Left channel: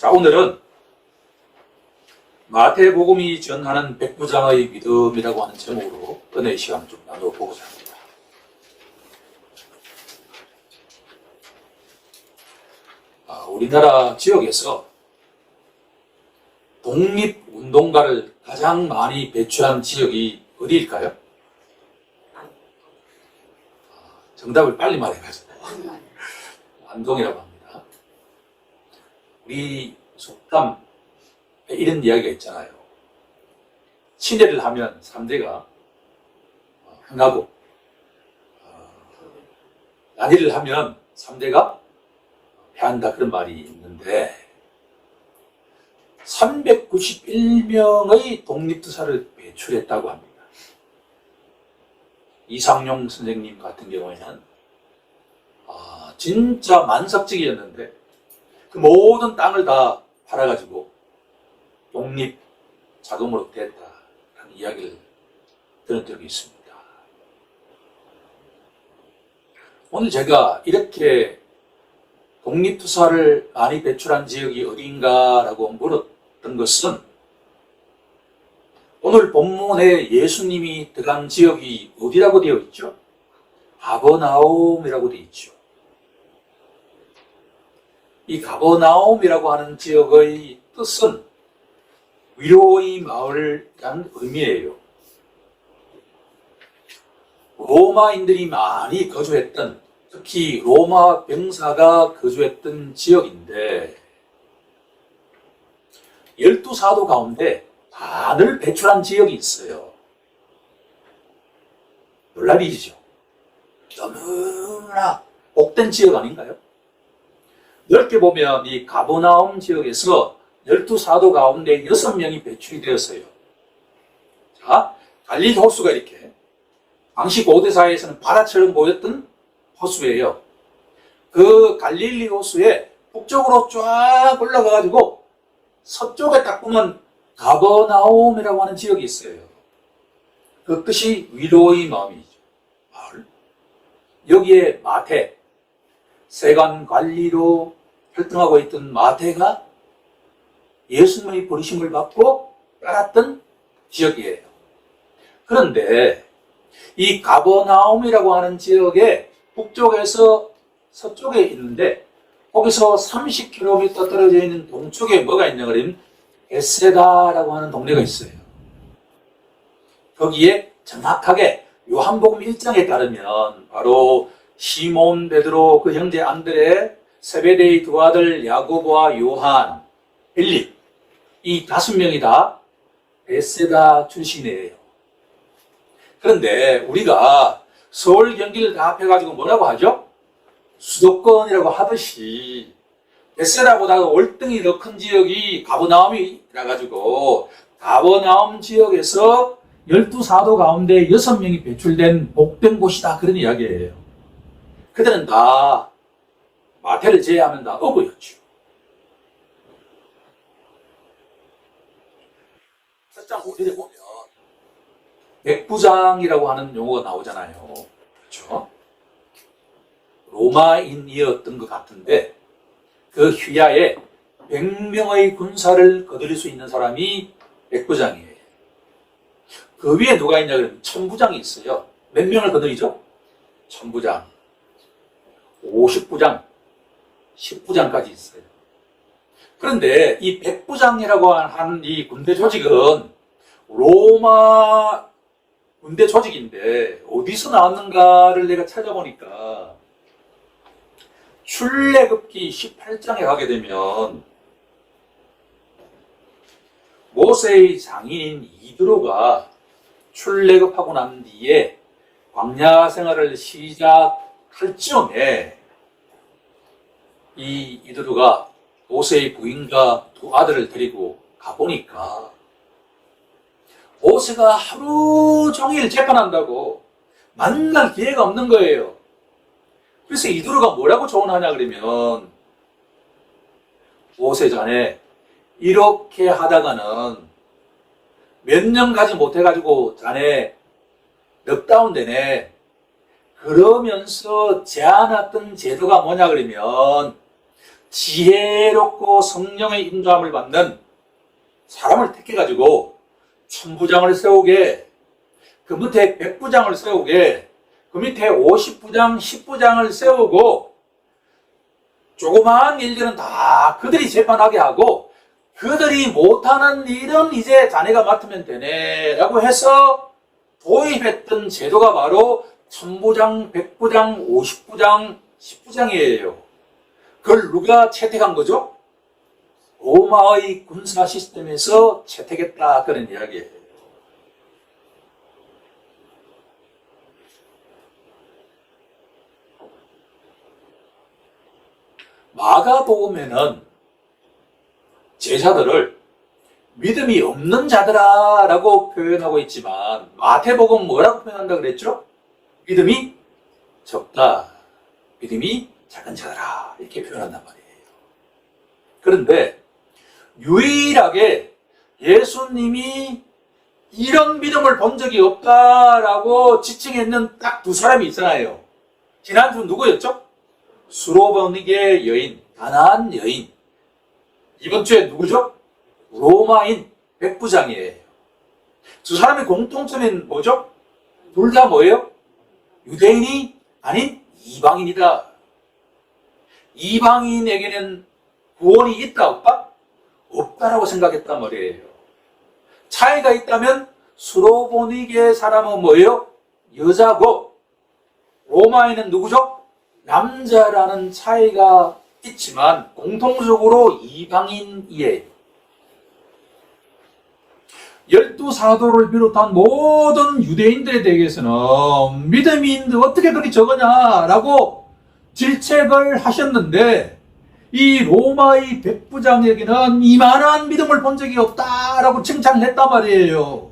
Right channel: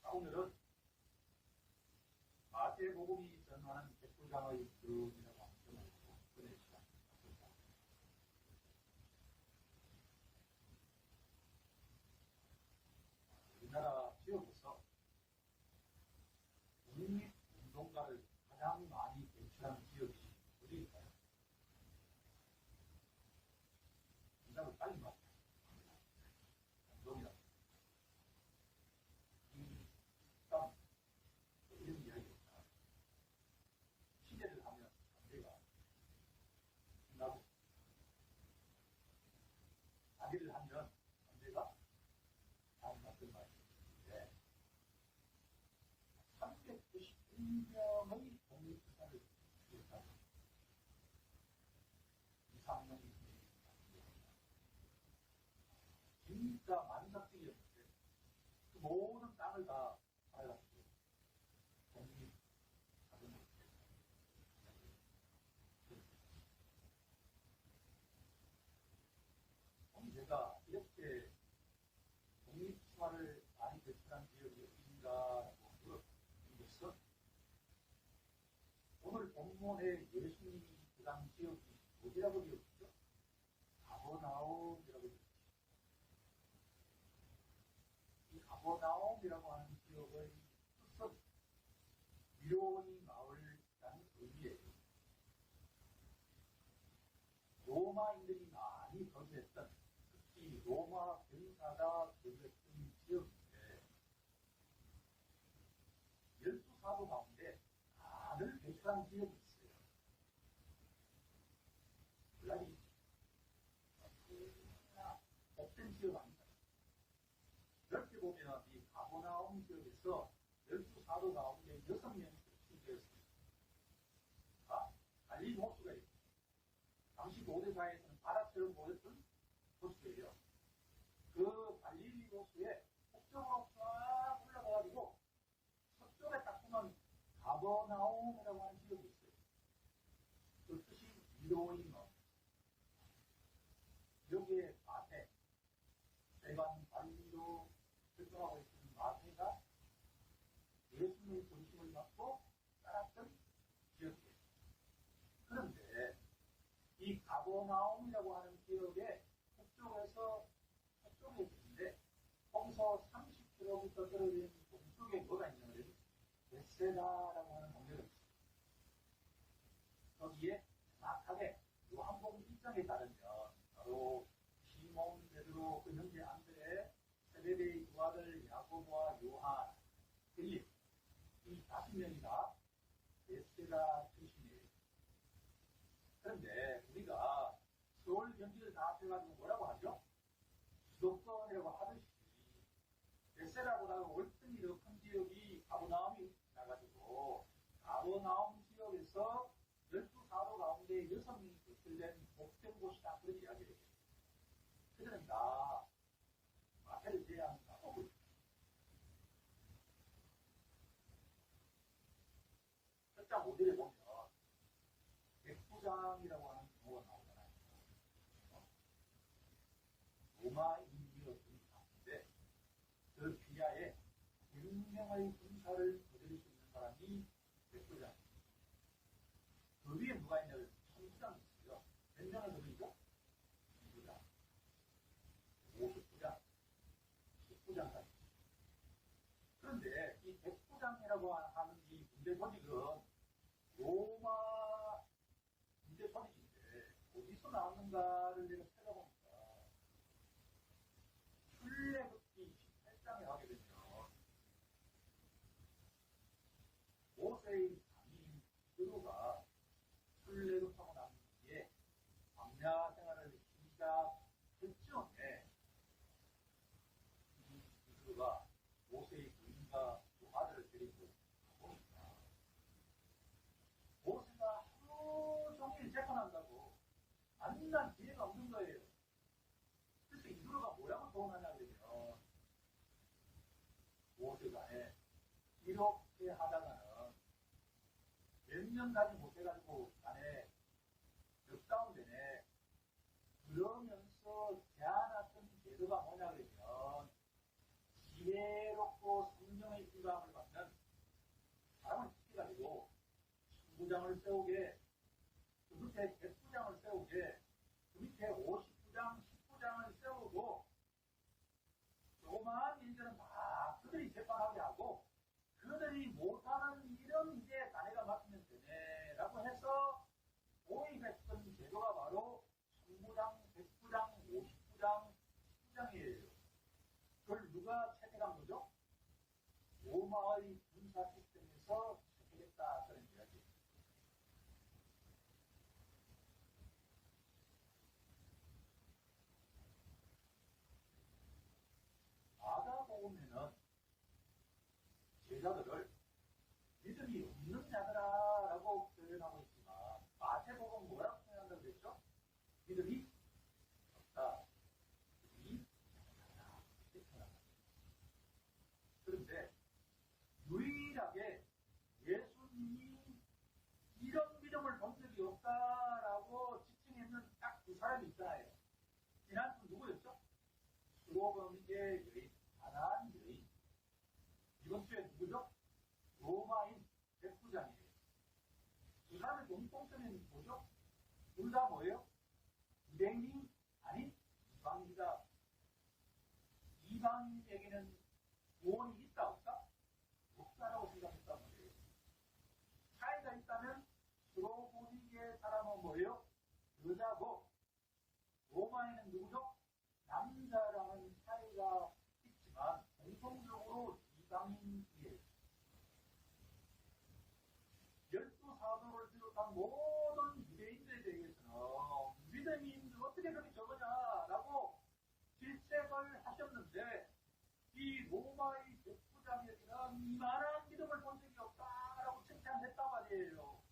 자, 오늘은 마태복음이 전하는 백부장의 믿음이라고 하는 제목으로 은혜의 시간을 좀 나눠보고자 합니다. 우리나라 지역에서 독립운동가를 가장 많이 배출한 지역이 어디일까요? 정답을 빨리 말해가지고 안동이라고 합니다. 우리 속담에 이런 이야기가 있잖아요. 친애를 하면 3대가 흥하고 난의를 하면 3대가 패한다, 그런 말이 있는데 391명의 독립투사를 배출했다고 합니다. 이상용 선생님 같은 경우에는 진짜 만삭적이었는데 그 모든 땅을 다 팔아가지고 독립 자금으로 됐다라는 이야기를 들은 적이 있습니다. 오늘 제가 이렇게 독립투사를 많이 배출한 지역이 어디인가라고 물었던 것은 오늘 본문에 예수님이 들어간 지역이 어디라고 되어 있죠? 가버나움이라고 되어 있죠. 이 가버나움이라고 하는 지역의 뜻은 위로의 마을이라는 의미예요. 로마인들이 많이 거주했던, 특히 로마 병사가 거주했던 지역인데 12사도 가운데 반을 배출한 지역이 있어요. 놀랄 일이죠. 너무나 복된 지역 아닌가요? 넓게 보면 이 가버나움 지역에서 12사도 가운데 6명이 배출이 되었어요. 자, 갈릴리 호수가 이렇게 당시 고대사회에서는 바다처럼 보였던 호수예요. 그 갈릴리 호수에 북쪽으로 쫙 올라가가지고 서쪽에 딱 보면 가버나움이라고 하는 지역이 있어요. 그 뜻이 위로의 마음이죠. 마을. 여기에 마태, 세관 관리로 활동하고 있던 마태가 예수님의 부르심을 받고 따랐던 지역이에요. 그런데 이 가버나움이라고 하는 지역에 북쪽에서 서쪽에 있는데 거기서 30km 떨어져 있는 동쪽에 뭐가 있냐 그러면 베세다라고 하는 동네가 있어요. 거기에 정확하게 요한복음 1장에 따르면 바로 시몬 베드로, 그 형제 안드레, 세베데의 두 아들 야고보와 요한, 빌립, 이 5명이 다 베세다 출신이에요. 그런데 우리가 서울, 경기를 다 합해가지고 뭐라고 하죠? 수도권이라고 하듯이 베세다보다 월등히 더 큰 지역이 가버나움이라 가지고 가버나움 지역에서 12사도 가운데 6명이 배출된 복된 곳이다, 그런 이야기예요. 그들은 다 마태를 제외하면 다 어부였죠. 1장 5절에 보면 백부장이라고 하는 용어가 나오잖아요. 그렇죠? 로마인이었던 것 같은데 그 휘하에 100명의 군사를 거느릴 수 있는 사람이 백부장이에요. 그 위에 누가 있냐 그러면 천부장이 있어요. 몇 명을 거느리죠? 천부장, 50부장, 10부장까지 있어요. 그런데 이 백부장이라고 하는 이 군대 조직은 로마 군대 조직인데 어디서 나왔는가를 내가 찾아보니까 출애굽기 18장에 가게 되면 모세의 장인인 이드로가 출애굽하고 난 뒤에 광야 생활을 시작할 즈음에 이 이드로가 모세의 부인과 두 아들을 데리고 가보니까 모세가 하루 종일 재판한다고 만날 기회가 없는 거예요. 그래서 이드로가 뭐라고 조언하냐 그러면 모세 자네 이렇게 하다가는 몇 년 가지 못해가지고 자네 넉다운 되네. 그러면서 제안했던 제도가 뭐냐 그러면 지혜롭고 성령의 인도함을 받는 사람을 택해가지고 천부장을 세우게, 그 밑에 백부장을 세우게, 그 밑에 50부장, 10부장을 세우고 조그마한 일들은 다 그들이 재판하게 하고 그들이 못하는 일은 이제 자네가 맡으면 되네 라고 해서 도입했던 제도가 바로 천부장, 백부장, 50부장, 10부장이에요. 그걸 누가 채택한 거죠? 로마의 군사 시스템에서 채택했다, 그런 이야기예요. 마가복음에는 제자들을 믿음이 없는 자들아 라고 표현하고 있지만 마태복음 뭐라고 표현한다 그랬죠? 믿음이 적다, 믿음이 작은 자들아, 이렇게 표현한단 말이에요. 그런데 유일하게 예수님이 이런 믿음을 본 적이 없다라고 지칭했는 딱 두 사람이 있잖아요. 지난주 누구였죠? 수로보니게 여인, 가나안 여인. 이번 주에 누구죠? 로마인 백부장이에요. 두 사람의 공통점은 뭐죠? 둘 다 뭐예요? 유대인이 아닌 이방인이다. 이방인에게는 구원이 있다, 없다? 없다라고 생각했단 말이에요. 차이가 있다면 수로보니게 사람은 뭐예요? 여자고 로마인은 누구죠? 남자라는 차이가 있지만 공통적으로 이방인이에요. 12사도를 비롯한 모든 유대인들에 대해서는 믿음이 있는데 어떻게 그리 적으냐라고 질책을 하셨는데 이 로마의 백부장에게는 이만한 믿음을 본 적이 없다라고 칭찬을 했단 말이에요.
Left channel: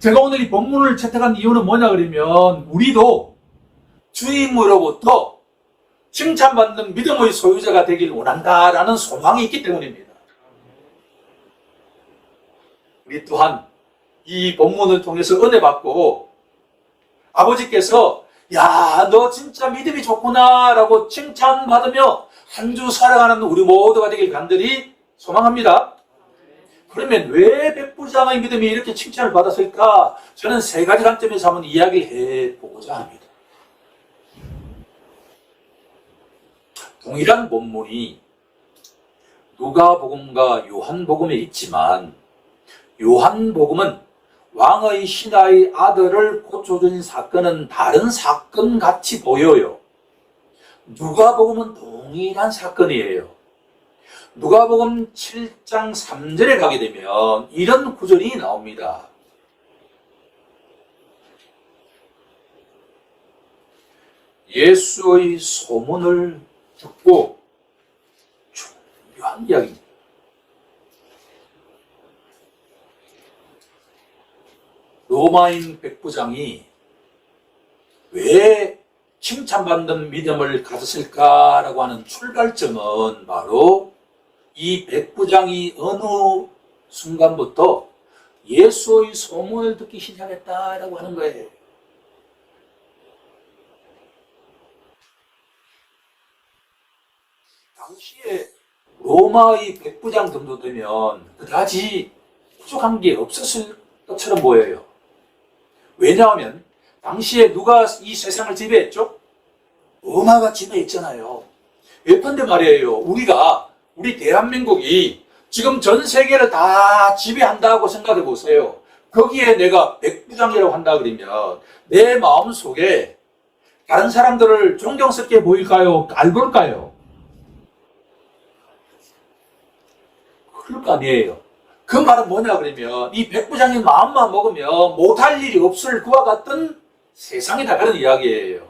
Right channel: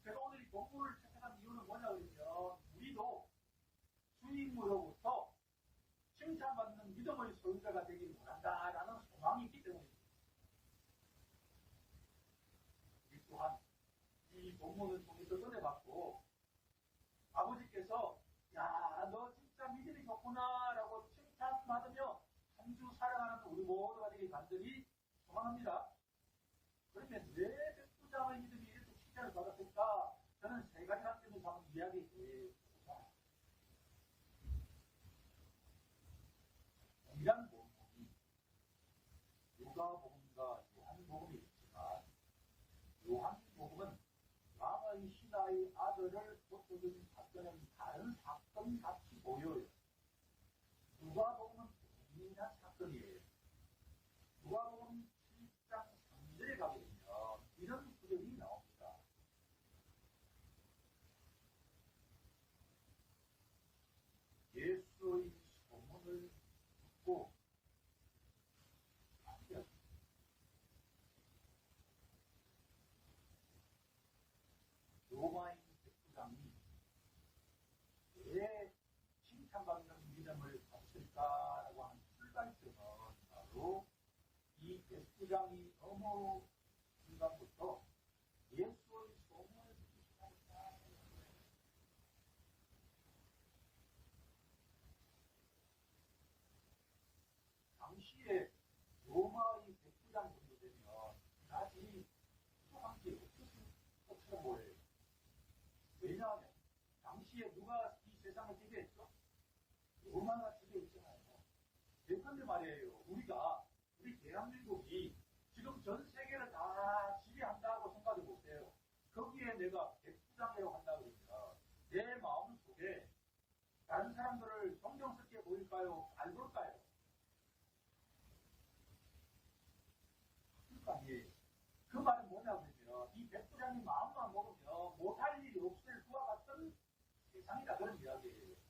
제가 오늘 이 본문을 채택한 이유는 뭐냐 그러면 우리도 주님으로부터 칭찬받는 믿음의 소유자가 되길 원한다라는 소망이 있기 때문입니다. 우리 또한 이 본문을 통해서 은혜 받고 아버지께서 야, 너 진짜 믿음이 좋구나 라고 칭찬받으며 한 주 살아가는 우리 모두가 되길 간절히 소망합니다. 그러면 왜 백부장의 믿음이 이렇게 칭찬을 받았을까? 저는 세 가지 관점에서 한번 이야기해 보고자 합니다. 동일한 본문이 누가복음과 요한복음에 있지만 요한복음은 왕의 신하의 아들을 고쳐준 사건은 다른 사건 같이 보여요. 누가복음은 동일한 사건이에요. 누가복음 7장 3절에 가게 되면 이런 구절이 나옵니다. 예수의 소문을 듣고 중요한 이야기입니다. 로마인 백부장이 왜 칭찬받는 믿음을 가졌을까라고 하는 출발점은 바로 이 백부장이 어느 순간부터 예수의 소문을 듣기 시작했다라고 하는 거예요. 당시에 로마의 백부장 정도 되면 그다지 부족한 게 없었을 것처럼 보여요. 왜냐하면 당시에 누가 이 세상을 지배했죠? 로마가 지배했잖아요. 예컨대 말이에요. 우리 대한민국이 지금 전 세계를 다 지배한다고 생각해 보세요. 거기에 내가 백부장이라고 한다 그러면 내 마음속에 다른 사람들을 존경스럽게 보일까요? 깔볼까요? 그럴 거 아니에요. 그 말은 뭐냐 그러면 이 백부장의 마음만 먹으면 못할 일이 없을 그와 같은 세상이다, 그런 이야기예요.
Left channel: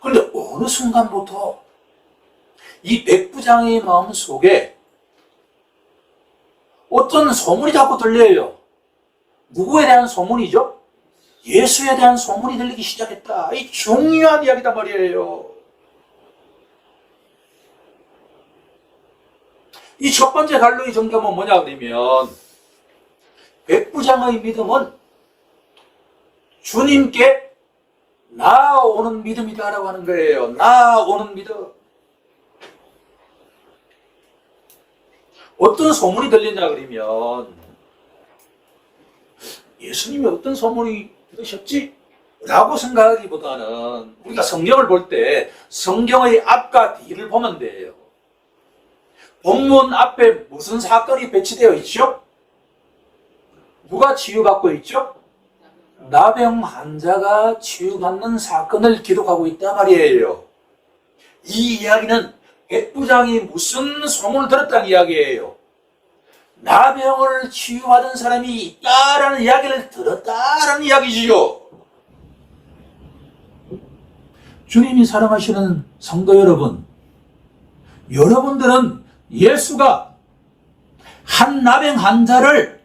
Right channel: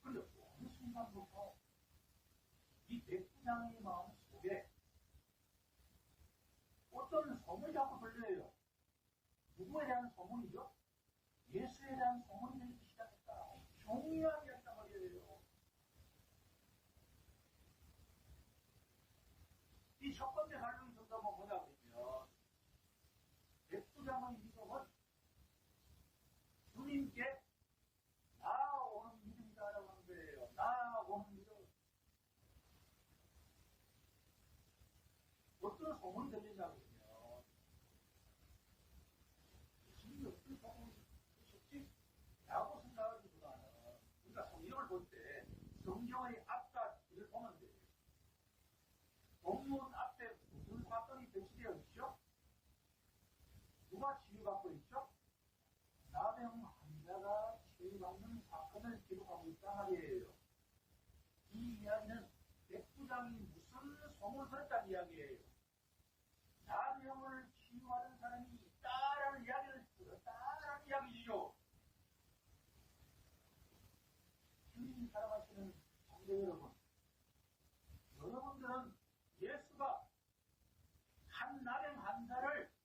그런데 어느 순간부터 이 백부장의 마음 속에 어떤 소문이 자꾸 들려요. 누구에 대한 소문이죠? 예수에 대한 소문이 들리기 시작했다. 이 중요한 이야기단 말이에요. 이 첫 번째 갈로의 정점은 뭐냐 그러면 백부장의 믿음은 주님께 나아오는 믿음이다라고 하는 거예요. 나아오는 믿음. 어떤 소문이 들리냐 그러면 예수님이 어떤 소문이 들으셨지? 라고 생각하기보다는 우리가 성경을 볼 때 성경의 앞과 뒤를 보면 돼요. 본문 앞에 무슨 사건이 배치되어 있죠? 누가 치유받고 있죠? 나병 환자가 치유받는 사건을 기록하고 있단 말이에요. 이 이야기는 백부장이 무슨 소문을 들었다는 이야기예요. 나병을 치유받은 사람이 있다라는 이야기를 들었다라는 이야기지요. 주님이 사랑하시는 성도 여러분, 여러분들은 예수가 한 나병 환자를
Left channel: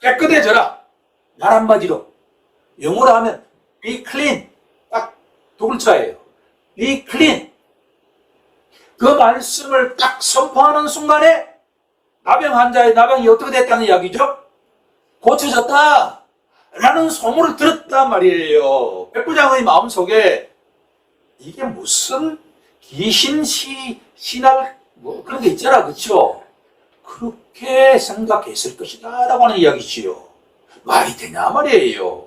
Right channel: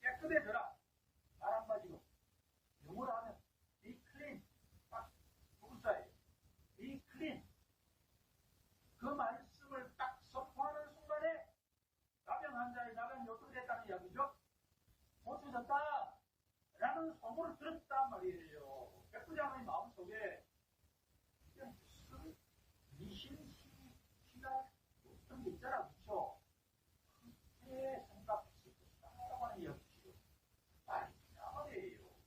깨끗해져라, 말 한마디로 영어로 하면 be clean, 딱 두 글자예요. be clean. 그 말씀을 딱 선포하는 순간에 나병 환자의 나병이 어떻게 됐다는 이야기죠? 고쳐졌다 라는 소문을 들었단 말이에요. 백부장의 마음속에 이게 무슨 귀신 신할 뭐 그런 게 있잖아, 그렇죠? 그렇게 생각했을 것이다 라고 하는 이야기지요. 말이 되냐 말이에요.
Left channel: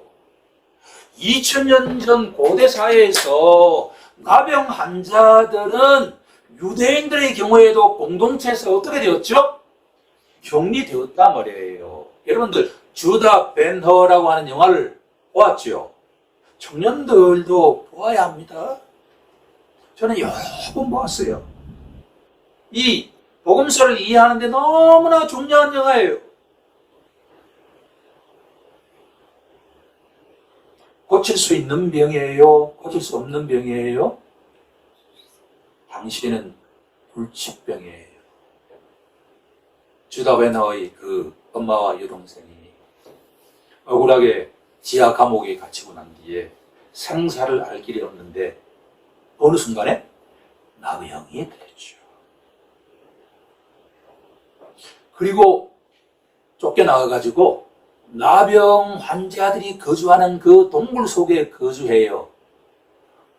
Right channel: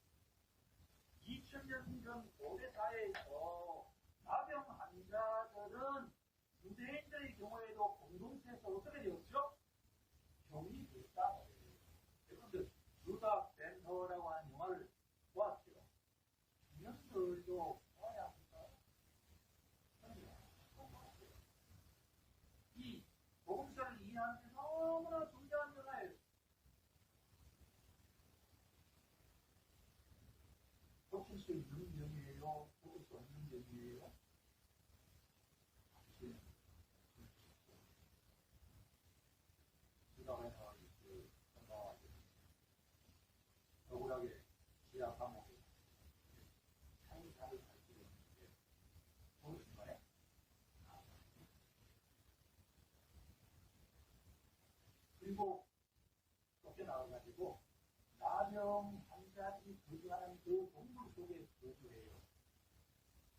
2000년 전 고대 사회에서 나병 환자들은 유대인들의 경우에도 공동체에서 어떻게 되었죠? 격리되었단 말이에요. 여러분들 주다 벤허라고 하는 영화를 보았죠? 청년들도 보아야 합니다. 저는 여러 번 보았어요. 이 복음서를 이해하는 데 너무나 중요한 영화예요. 고칠 수 있는 병이에요? 고칠 수 없는 병이에요? 당시에는 불치병이에요. 주다 벤허의 그 엄마와 여동생이 억울하게 지하 감옥에 갇히고 난 뒤에 생사를 알 길이 없는데 어느 순간에 나병이 들렸죠. 그리고 쫓겨나가가지고 나병 환자들이 거주하는 그 동굴 속에 거주해요.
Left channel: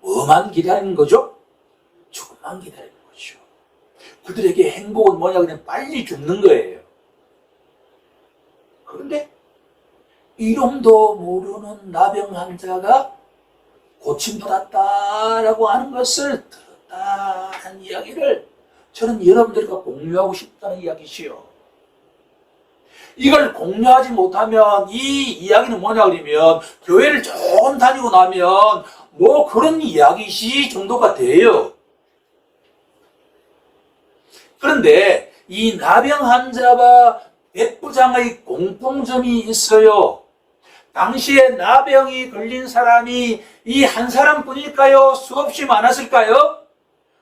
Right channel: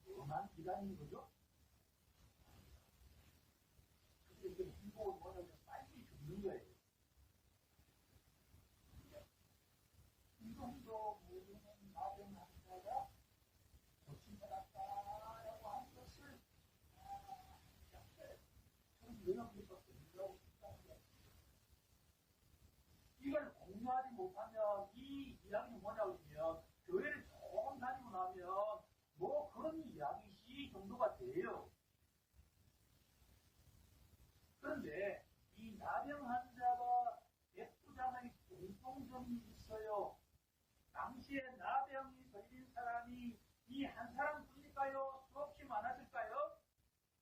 뭐만 기다리는 거죠? 죽음만 기다리는 거죠. 그들에게 행복은 뭐냐, 그냥 빨리 죽는 거예요. 그런데 이름도 모르는 나병 환자가 고침받았다라고 하는 것을 들었다는 이야기를 저는 여러분들과 공유하고 싶다는 이야기시요. 이걸 공유하지 못하면 이 이야기는 뭐냐 그러면 교회를 조금 다니고 나면 뭐 그런 이야기시 정도가 돼요. 그런데 이 나병 환자와 백부장의 공통점이 있어요. 당시에 나병이 걸린 사람이 이 한 사람뿐일까요? 수없이 많았을까요?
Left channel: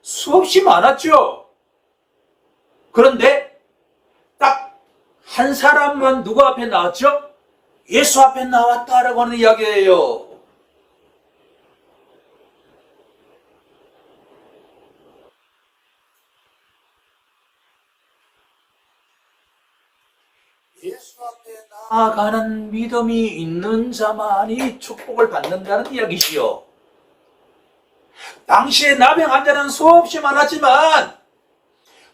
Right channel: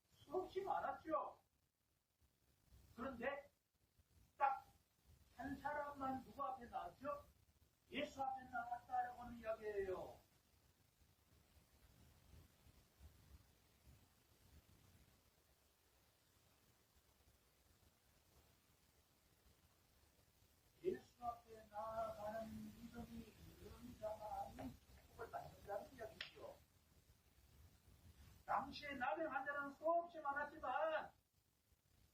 수없이 많았죠. 그런데 딱 한 사람만 누구 앞에 나왔죠? 예수 앞에 나왔다라고 하는 이야기예요. 예수 앞에 나아가는 믿음이 있는 자만이 축복을 받는다는 이야기시요. 당시에 나병 환자는 수없이 많았지만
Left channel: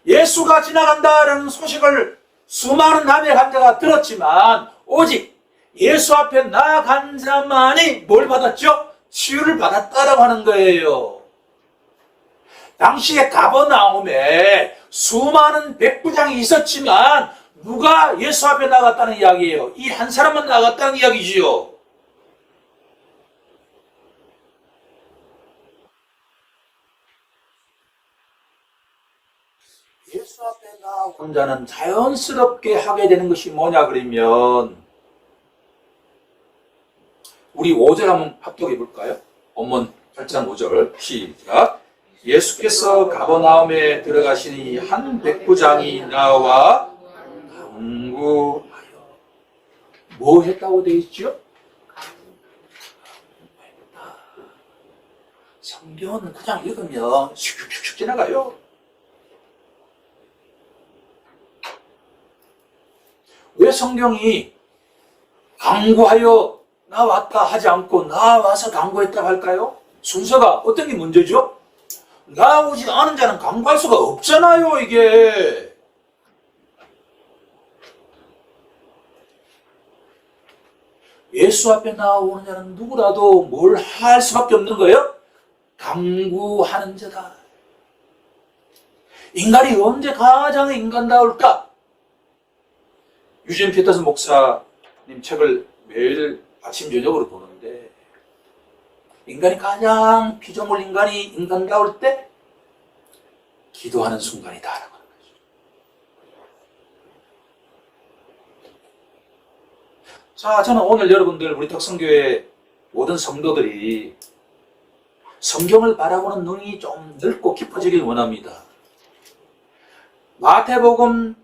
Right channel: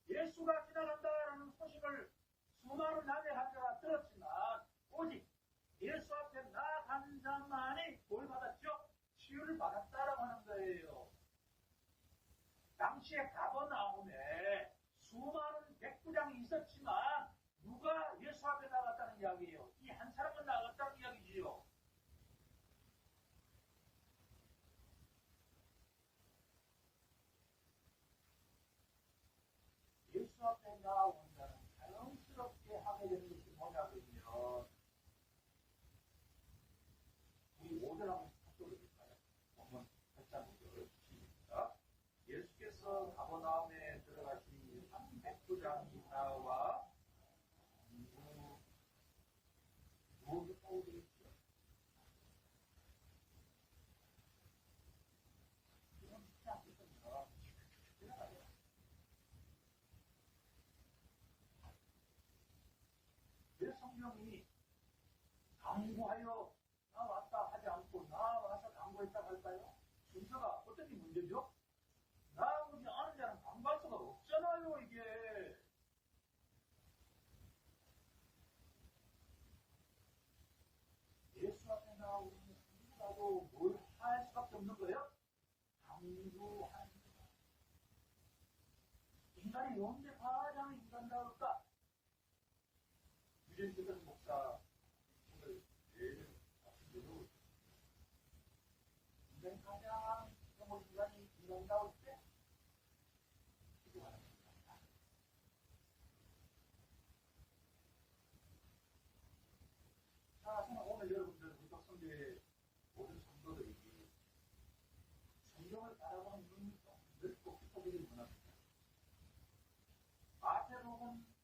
예수가 지나간다라는 소식을 수많은 나병 환자가 들었지만 오직 예수 앞에 나아간 자만이 뭘 받았죠? 치유를 받았다라고 하는 거예요. 당시에 가버나움에 수많은 백부장이 있었지만 누가 예수 앞에 나갔다는 이야기예요? 이 한 사람만 나갔다는 이야기지요. 예수 앞에 나온 자는 자연스럽게 하게 되는 것이 뭐냐 그러면 우리 5절 한번 합독해 볼까요? 본문 8장 5절 시작. 예수께서 가버나움에 들어가시니 한 백부장이 나와 강구하여. 뭐 했다고 되어 있죠? 성경은 그냥 읽으면 슉슉슉 지나가요. 왜 성경이 강구하여 나왔다 하지 않고 나와서 강구했다고 할까요? 순서가 어떤 게 문제죠? 나오지 않은 자는 강구할 수가 없잖아요, 이게. 예수 앞에 나오는 자는 누구라도 뭘 할 수밖에 없는 거예요? 강구하는 자다. 인간이 언제 가장 인간다울까? 유진 피터슨 목사님 책을 매일 아침 저녁으로 보는데, 인간이 가장 피조물 인간이 인간다울 때 기도하는 순간이다라고 하는 거죠. 자, 저는 오늘 여러분들, 우리 덕성교회 모든 성도들이 성경을 바라보는 눈이 좀 넓고 깊어지길 원합니다. 마태복음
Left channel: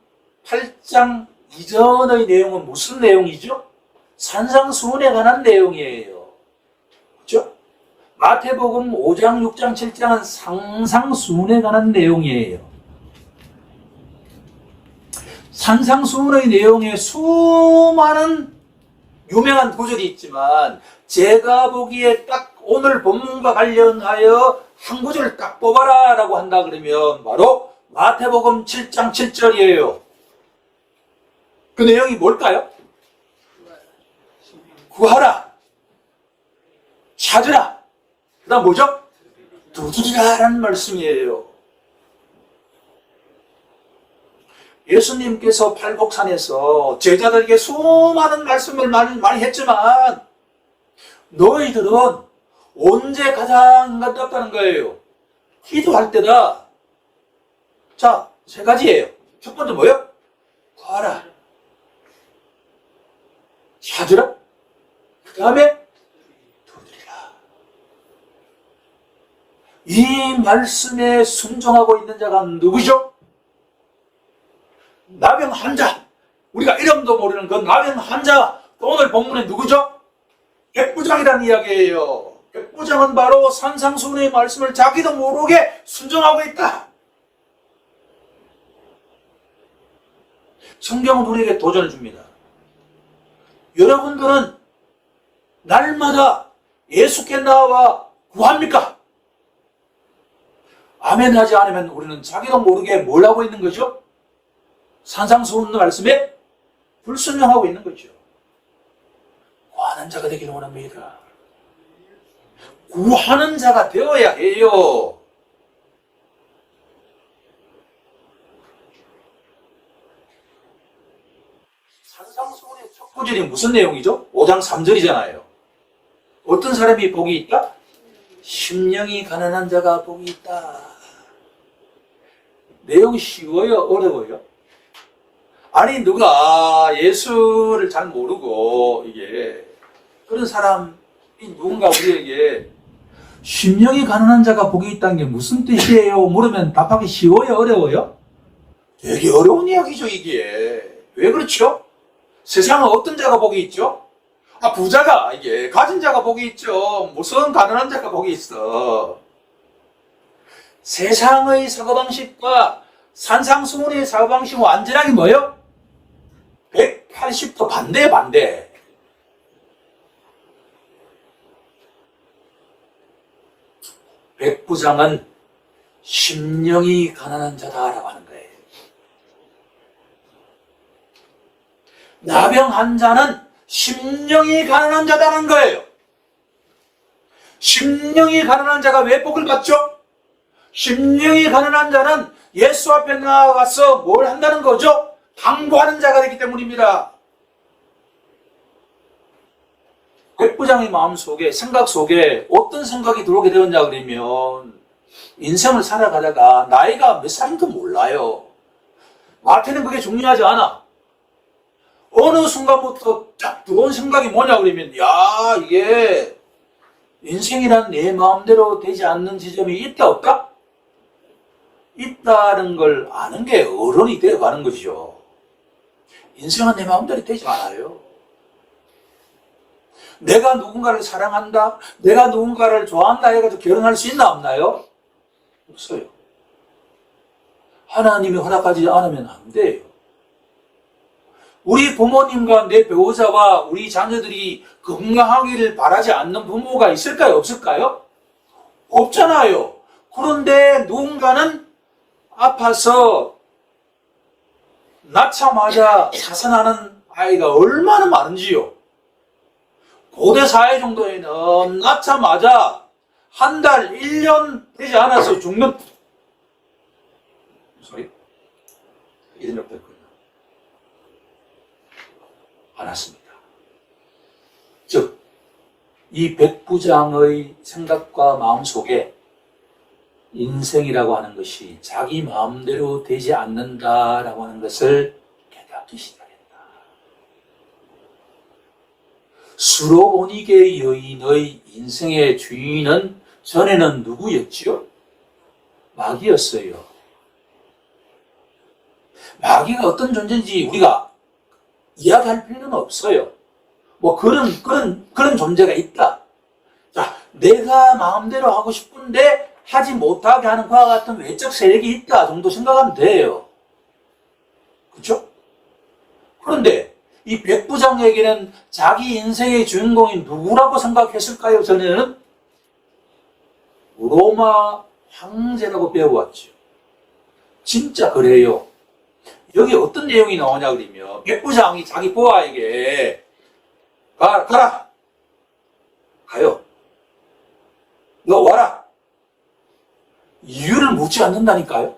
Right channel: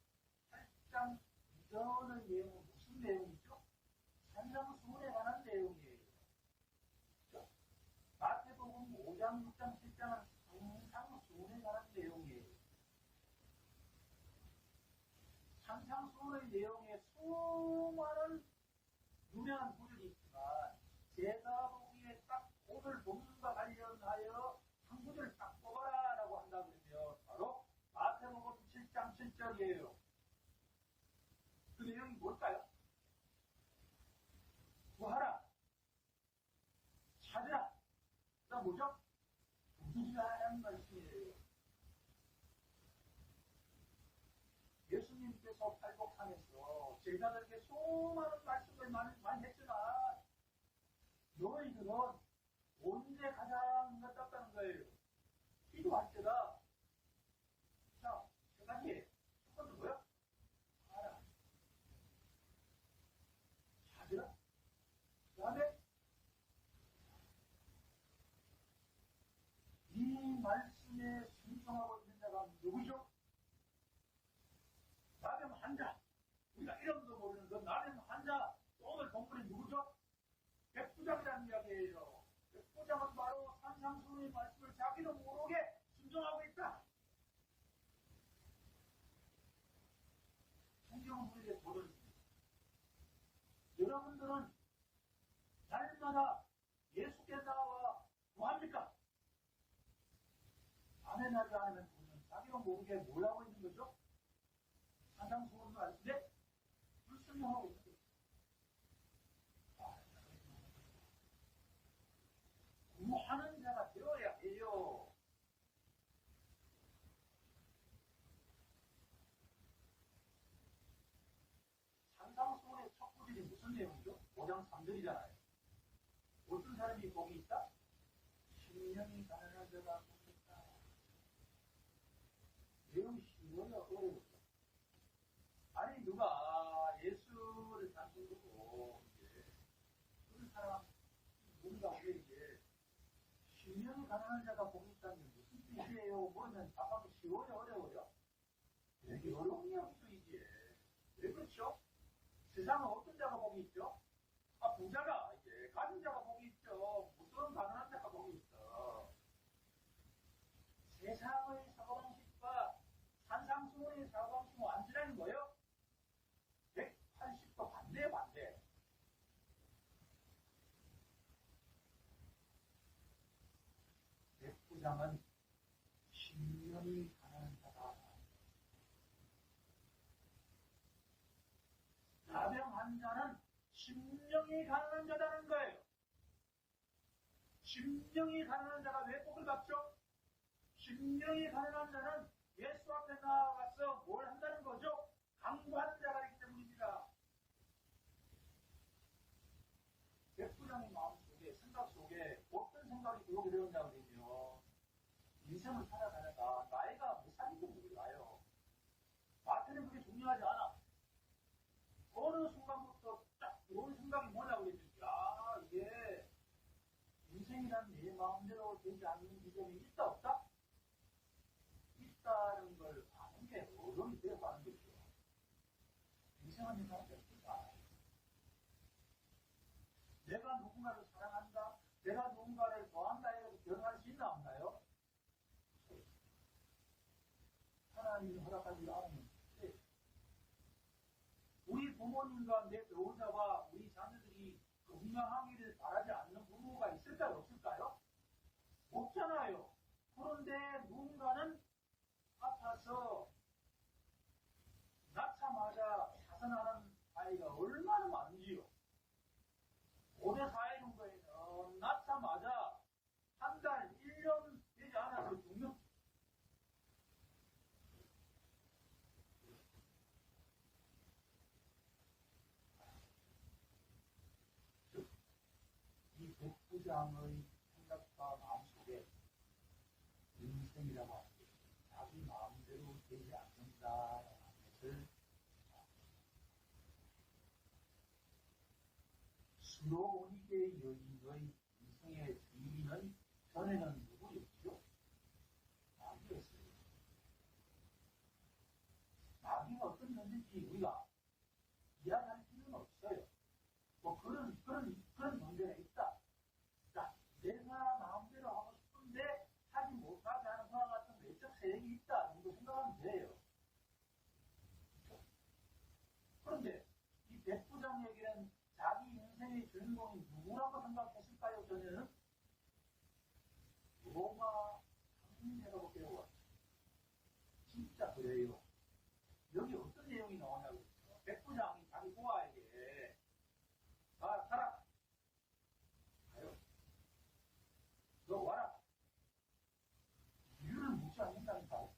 8장 이전의 내용은 무슨 내용이죠? 산상수훈에 관한 내용이에요. 그렇죠? 마태복음 5장, 6장, 7장은 상상수훈에 관한 내용이에요. 산상수훈의 내용에 수많은 유명한 구절이 있지만, 제가 보기에 딱 오늘 본문과 관련하여 한 구절을 딱 뽑아라 라고 한다 그러면 바로 마태복음 7장 7절이에요. 그 내용이 뭘까요? 구하라, 찾으라, 그 다음 뭐죠? 두드리라 라는 말씀이에요. 예수님께서 팔복산에서 제자들에게 수많은 말씀을 많이 했지만 너희들은 언제 가장 인간답다는 거예요? 기도할 때다. 자, 세 가지예요. 첫 번째 뭐예요? 구하라, 찾으라, 그 다음에 두드리라. 이 말씀에 순종하고 있는 자가 누구죠? 나병 환자, 우리가 이름도 모르는 그 나병 환자, 오늘 본문에 누구죠? 백부장이라는 이야기예요. 백부장은 바로 산상수훈의 말씀을 자기도 모르게 순종하고 있다. 성경은 우리에게 도전을 줍니다. 여러분들은 날마다 예수께 나와 구합니까? 아멘 하지 않으면 우리는 자기도 모르게 뭘 하고 있는 거죠? 산상수훈 말씀에 불순종하고 있는 거죠. 구하는 자가 되기를 원합니다. 구하는 자가 되어야 해요. 산상수훈의 첫 구절이 무슨 내용이죠? 5장 3절이잖아요. 어떤 사람이 복이 있다? 심령이 가난한 자가 복이 있다. 내용이 쉬워요? 어려워요? 아니, 누가 예수를 잘 모르고 이게 그런 사람이 누군가 우리에게 심령이 가난한 자가 복이 있다는 게 무슨 뜻이에요? 물으면 답하기 쉬워요? 어려워요? 되게 어려운 이야기죠, 이게. 왜 그렇죠? 세상은 어떤 자가 복이 있죠? 부자가, 이게 가진 자가 복이 있죠. 무슨 가난한 자가 복이 있어. 세상의 사고방식과 산상수훈의 사고방식은 완전하게 뭐예요? 180도 반대. 백부장은 심령이 가난한 자다라고 하는 거예요. 나병 환자는 심령이 가난한 자다는 거예요. 심령이 가난한 자가 왜 복을 받죠? 심령이 가난한 자는 예수 앞에 나가서 뭘 한다는 거죠? 강구하는 자가 되기 때문입니다. 백부장의 마음속에, 생각 속에 어떤 생각이 들어오게 되었냐 그러면 인생을 살아가다가 나이가 몇 살인지 몰라요. 나한테는 그게 중요하지 않아. 어느 순간부터 딱 들어온 생각이 뭐냐 그러면 야, 이게 인생이란 내 마음대로 되지 않는 지점이 있다 없다? 있다는 걸 아는 게 어른이 되어가는 것이죠. 인생은 내 마음대로 되지 않아요. 내가 누군가를 사랑한다, 내가 누군가를 좋아한다 해가지고 결혼할 수 있나 없나요? 없어요. 하나님이 허락하지 않으면 안 돼요. 우리 부모님과 내 배우자와 우리 자녀들이 건강하기를 바라지 않는 부모가 있을까요? 없을까요? 없잖아요. 그런데 누군가는 아파서 낳자마자 자살하는 아이가 얼마나 많은지요. 고대 사회 정도에는 낳자마자 한 달, 1년 되지 않아서 죽는 소리? 이런 적도 있거든요. 않았습니다. 즉, 이 백부장의 생각과 마음속에 인생이라고 하는 것이 자기 마음대로 되지 않는다라고 하는 것을 깨닫기 시작했다. 수로보니게 여인의 인생의 주인은 전에는 누구였지요? 마귀였어요. 마귀가 어떤 존재인지 우리가 이야기할 필요는 없어요. 뭐 그런 존재가 있다. 자, 내가 마음대로 하고 싶은데 하지 못하게 하는 그와 같은 외적 세력이 있다 정도 생각하면 돼요. 그렇죠? 그런데 이 백부장에게는 자기 인생의 주인공이 누구라고 생각했을까요? 저는 로마 황제라고 배워왔죠. 진짜 그래요. 여기 어떤 내용이 나오냐 그러면 백부장이 자기 보아에게 가라. 가요. 너 와라. 이유를 묻지 않는다니까요.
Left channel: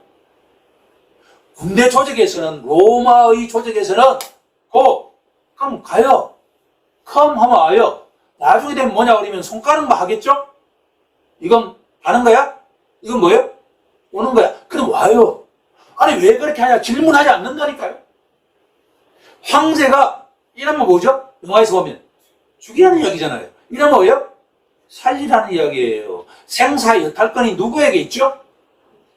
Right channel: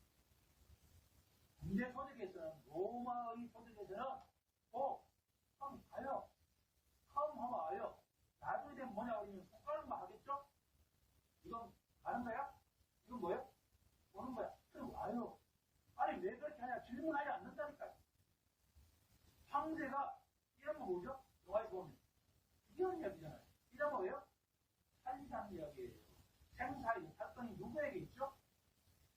군대 조직에서는 로마의 조직에서는 그럼 가요. 컴 하면 와요. 나중에 되면 뭐냐 그러면 손가락만 하겠죠? 이건 가는 거야? 이건 뭐예요? 오는 거야. 그럼 와요. 아니 왜 그렇게 하냐? 질문하지 않는다니까요. 황제가 이러면 뭐죠? 영화에서 보면 죽이라는 이야기잖아요. 이러면 뭐예요? 살리라는 이야기예요. 생사 여탈권이 누구에게 있죠?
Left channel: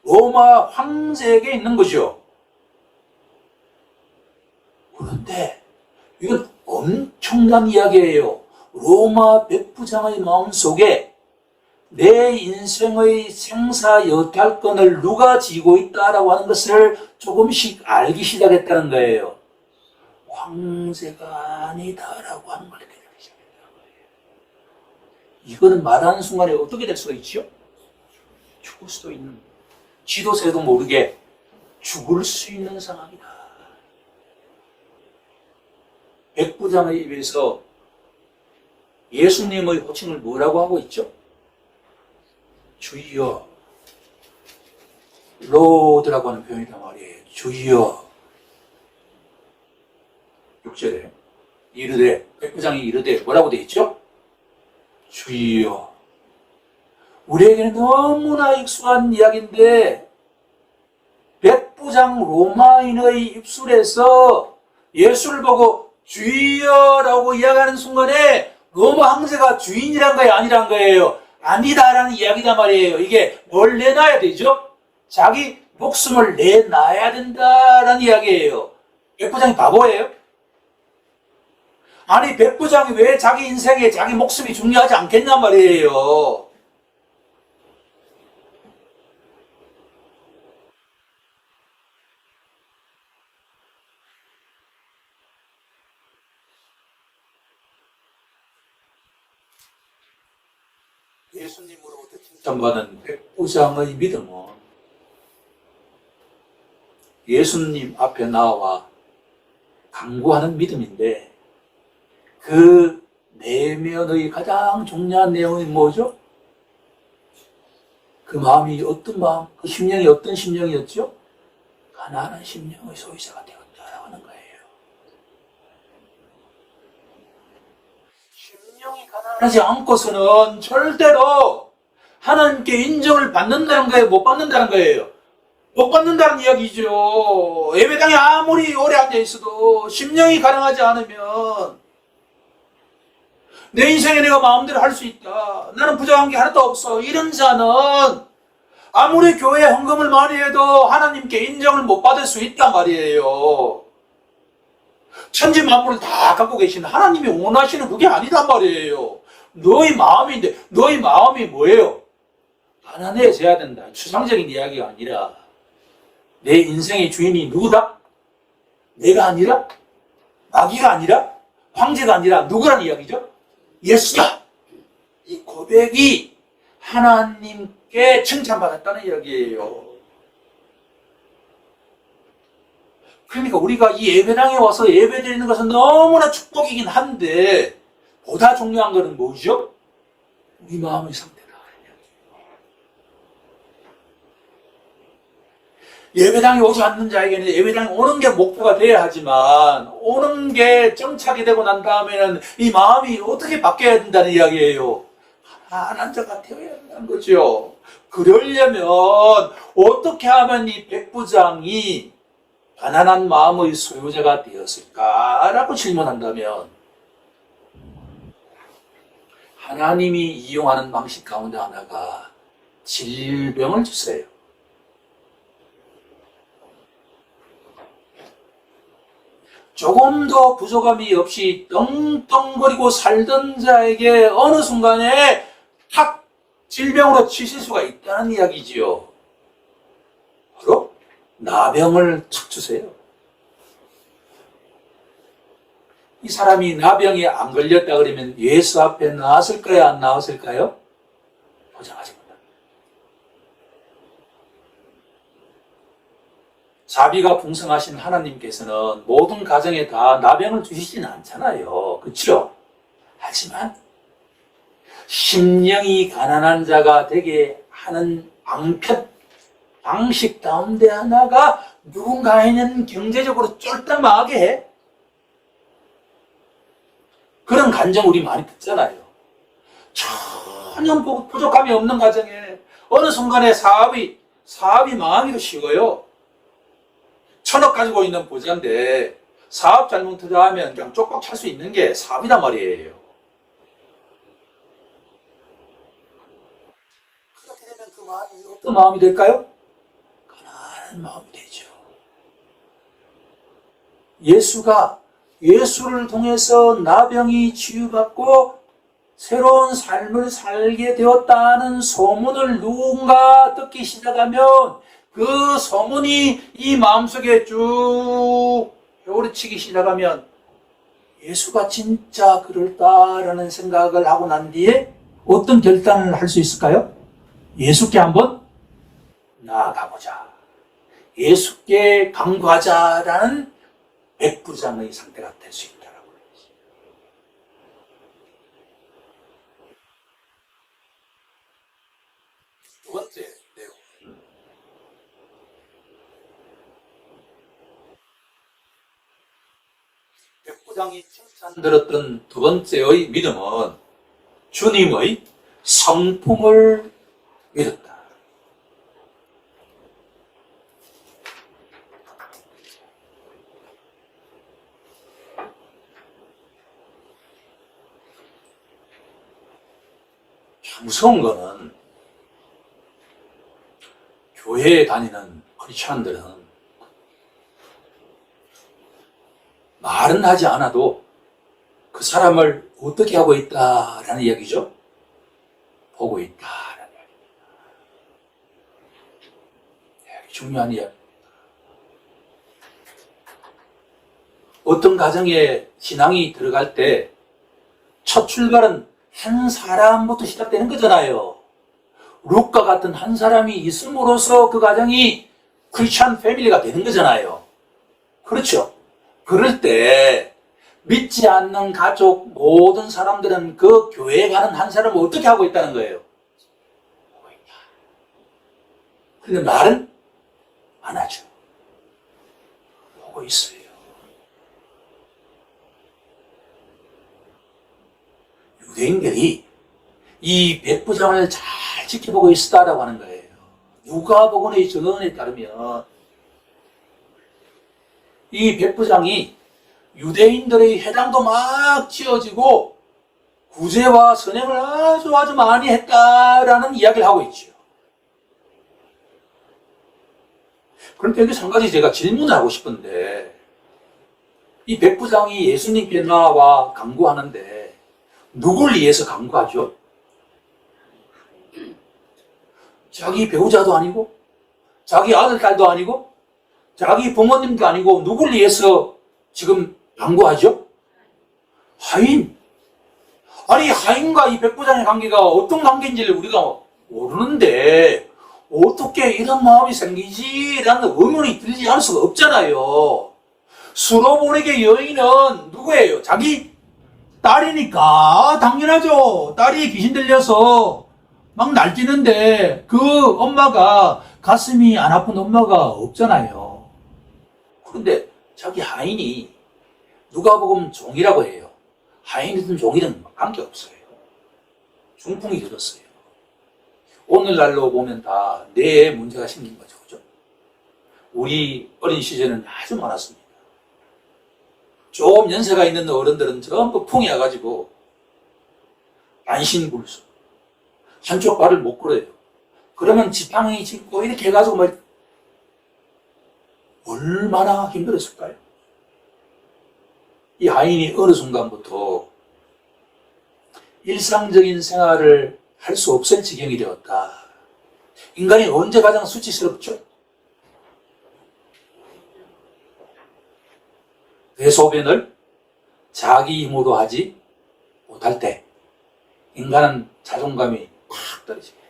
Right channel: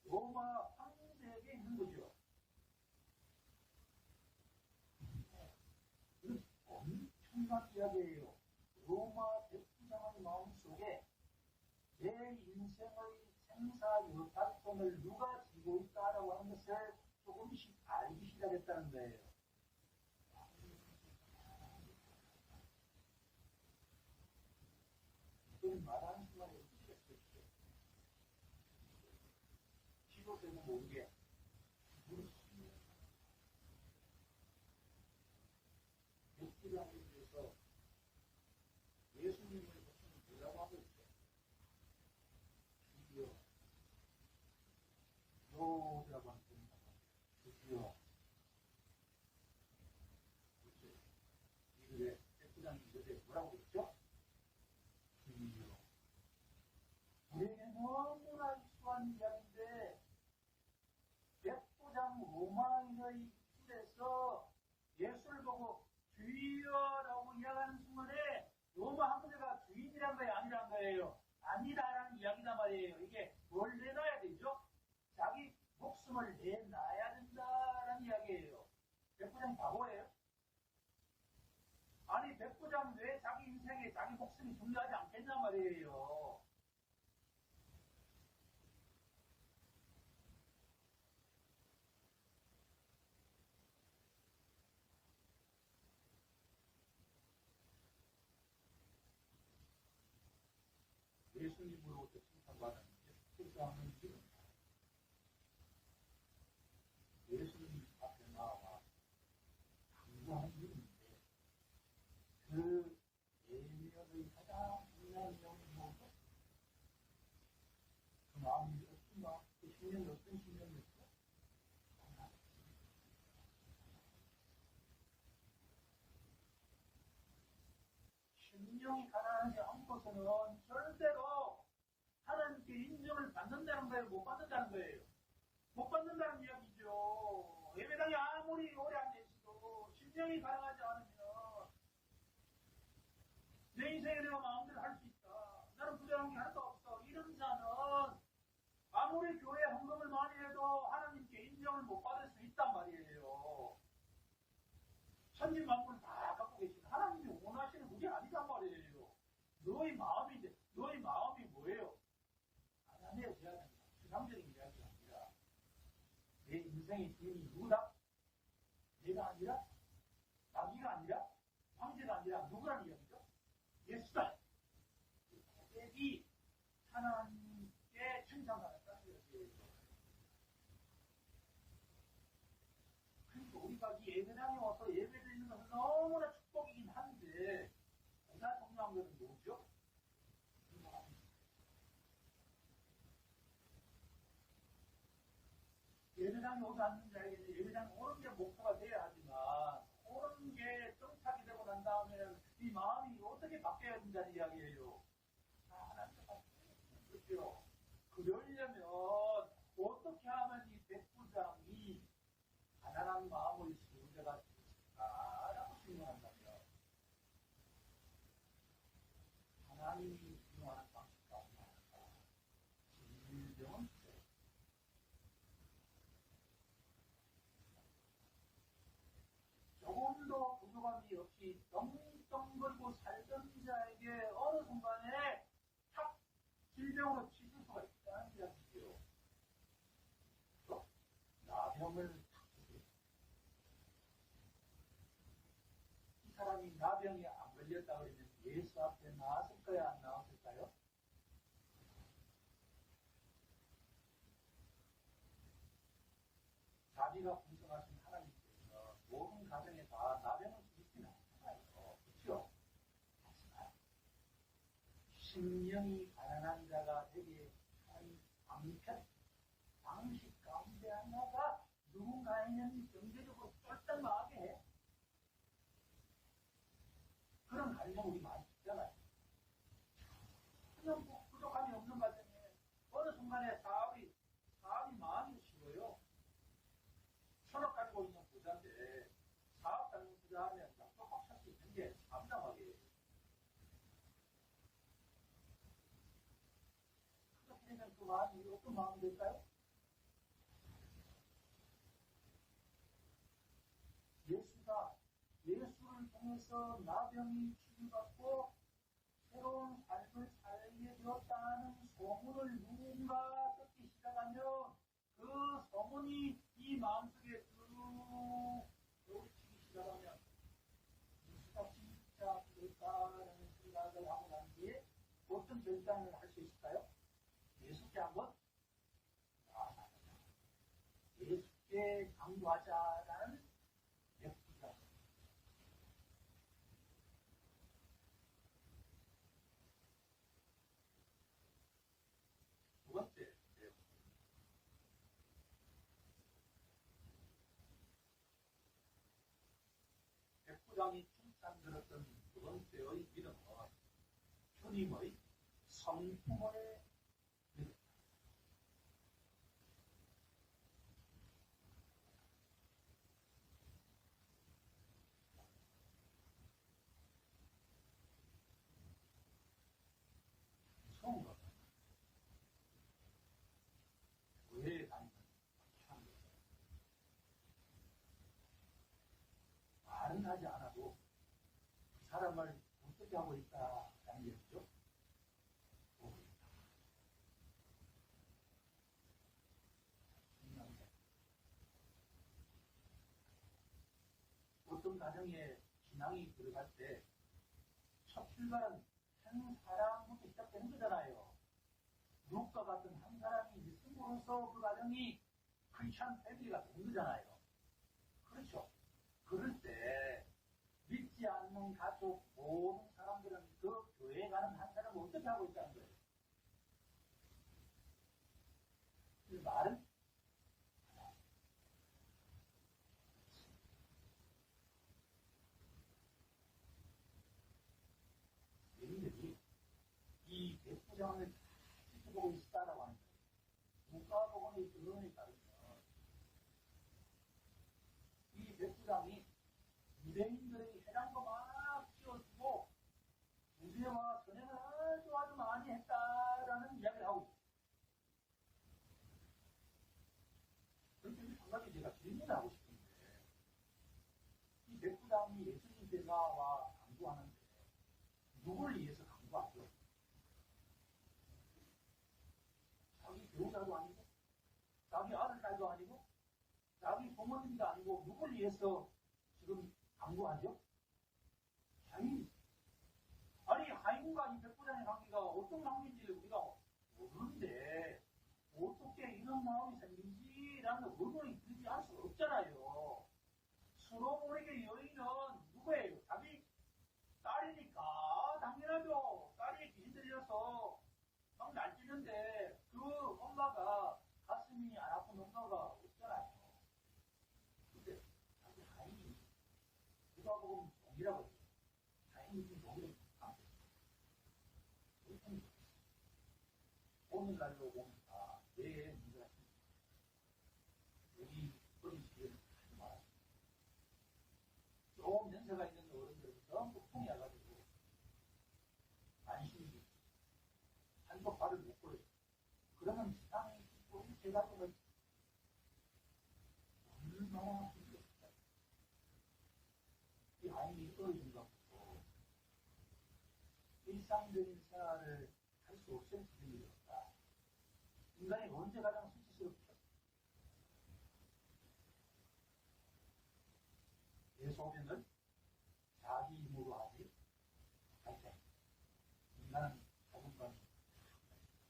로마 황제에게 있는 거죠. 그런데 이건 엄청난 이야기예요. 로마 백부장의 마음속에 내 인생의 생사 여탈권을 누가 쥐고 있다라고 하는 것을 조금씩 알기 시작했다는 거예요. 황제가 아니다라고 하는 걸 깨닫기 시작했다는 거예요. 이거는 말하는 순간에 어떻게 될 수가 있죠? 죽을 수도 있는, 지도새도 모르게 죽을 수 있는 상황이다. 백부장의 입에서 예수님의 호칭을 뭐라고 하고 있죠? 주여, 로드라고 하는 표현이란 말이에요. 주여. 6절에 이르되, 백부장이 이르되 뭐라고 되어 있죠? 주여. 우리에게는 너무나 익숙한 이야기인데 백부장 로마인의 입술에서 예수를 보고 주여라고 이야기하는 순간에 로마 황제가 주인이란 거예요? 아니란 거예요? 아니다라는 이야기단 말이에요. 이게 뭘 내놔야 되죠? 자기 목숨을 내놔야 된다라는 이야기예요. 백부장이 바보예요? 아니 백부장이 왜 자기 인생에 자기 목숨이 중요하지 않겠냔 말이에요. 예수님으로부터 칭찬받은 백부장의 믿음은 예수님 앞에 나와 강구하는 믿음인데 그 내면의 가장 중요한 내용이 뭐죠? 그 마음이 어떤 마음, 그 심령이 어떤 심령이었죠? 가난한 심령의 소유자가 되었다라고 하는 거예요. 심령이 가난하지 않고서는 절대로 하나님께 인정을 받는다는 거예요? 못 받는다는 거예요? 못 받는다는 이야기죠. 예배당에 아무리 오래 앉아있어도 심령이 가난하지 않으면 내 인생에 내가 마음대로 할 수 있다. 나는 부족한 게 하나도 없어. 이런 자는 아무리 교회에 헌금을 많이 해도 하나님께 인정을 못 받을 수 있단 말이에요. 천지 만물을 다 갖고 계신 하나님이 원하시는 그게 아니단 말이에요. 너의 마음인데 너의 마음이 뭐예요? 가난해져야 된다. 추상적인 이야기가 아니라 내 인생의 주인이 누구다? 내가 아니라? 마귀가 아니라? 황제가 아니라 누구란 이야기죠? 예수다. 이 고백이 하나님께 칭찬받았다는 이야기예요. 그러니까 우리가 이 예배당에 와서 예배드리는 것은 너무나 축복이긴 한데 보다 중요한 것은 뭐죠? 우리 마음의 상태다. 예배당에 오지 않는 자에게는 예배당에 오는 게 목표가 돼야 하지만 오는 게 정착이 되고 난 다음에는 이 마음이 어떻게 바뀌어야 된다는 이야기예요. 가난한 자가 되어야 한다는 거죠. 그러려면 어떻게 하면 이 백부장이 가난한 마음의 소유자가 되었을까라고 질문한다면 하나님이 이용하는 방식 가운데 하나가 질병을 주세요. 조금 더 부족함이 없이 떵떵거리고 살던 자에게 어느 순간에 탁 질병으로 치실 수가 있다는 이야기지요. 바로 나병을 탁 주세요. 이 사람이 나병에 안 걸렸다 그러면 예수 앞에 나왔을까요? 안 나왔을까요? 보장하지 못합니다. 자비가 풍성하신 하나님께서는 모든 가정에 다 나병을 주시지는 않잖아요. 그렇죠? 하지만 심령이 가난한 자가 되게 하는 방식 가운데 하나가 누군가에는 경제적으로 쫄딱망하게 해. 그런 간증 우리 많이 듣잖아요. 전혀 부족함이 없는 가정에 어느 순간에 사업이 망하기도 쉬워요. 1,000억 가지고 있는 부자인데 사업 잘못 투자하면 그냥 쪽박 찰 수 있는 게 사업이란 말이에요. 그렇게 되면 그 마음이 어떤 마음이 될까요? 가난한 마음이 되죠. 예수를 통해서 나병이 치유받고 새로운 삶을 살게 되었다는 소문을 누군가 듣기 시작하면 그 소문이 이 마음속에 쭉 회오리치기 시작하면 예수가 진짜 그럴까라는 생각을 하고 난 뒤에 어떤 결단을 할 수 있을까요? 예수께 한번 나아가보자. 예수께 간구하자라는 백부장의 상태가 될 수 있다라고 그러죠. 두 번째 내용. 백부장이 칭찬들었던 두 번째의 믿음은 주님의 성품을 믿었다. 무서운 거는 교회에 다니는 크리스천들은 말은 하지 않아도 그 사람을 어떻게 하고 있다라는 이야기죠. 보고 있다라는 이야기입니다. 중요한 이야기. 어떤 가정에 신앙이 들어갈 때 첫 출발은 한 사람부터 시작되는 거잖아요. 룩과 같은 한 사람이 있음으로써 그 가정이 크리스천 패밀리가 되는 거잖아요. 그렇죠? 그럴 때 믿지 않는 가족 모든 사람들은 그 교회에 가는 한 사람을 어떻게 하고 있다는 거예요? 보고 있다. 근데 말은 안 하죠. 보고 있어요. 유대인들이 이 백부장을 잘 지켜보고 있었다라고 하는 거예요. 누가복음의 증언에 따르면 이 백부장이 유대인들의 회당도 막 지어지고 구제와 선행을 아주 많이 했다라는 이야기를 하고 있죠. 그런데 여기서 한 가지 제가 질문을 하고 싶은데 이 백부장이 예수님께 나와 간구하는데 누굴 위해서 간구하죠? 자기 배우자도 아니고 자기 아들, 딸도 아니고 자기 부모님도 아니고 누굴 위해서 지금 간구하죠? 하인. 아니 하인과 이 백부장의 관계가 어떤 관계인지를 우리가 모르는데 어떻게 이런 마음이 생기지라는 의문이 들지 않을 수가 없잖아요. 수로보내게 여인은 누구예요? 자기 딸이니까 당연하죠. 딸이 귀신 들려서 막 날뛰는데 그 엄마가 가슴이 안 아픈 엄마가 없잖아요. 그런데 자기 하인이 누가복음 종이라고 해요. 하인이든 종이든 관계없어요. 중풍이 들었어요. 오늘날로 보면 다 뇌에 문제가 생긴 거죠. 그죠? 우리 어린 시절에는 아주 많았습니다. 좀 연세가 있는 어른들은 전부 풍이 와가지고 안신불수, 한쪽 발을 못 걸어요. 그러면 지팡이 짚고 이렇게 해가지고 막 얼마나 힘들었을까요? 이 하인이 어느 순간부터 일상적인 생활을 할 수 없을 지경이 되었다. 인간이 언제 가장 수치스럽죠? 대소변을 자기 힘으로 하지 못할 때 인간은 자존감이 팍 떨어집니다.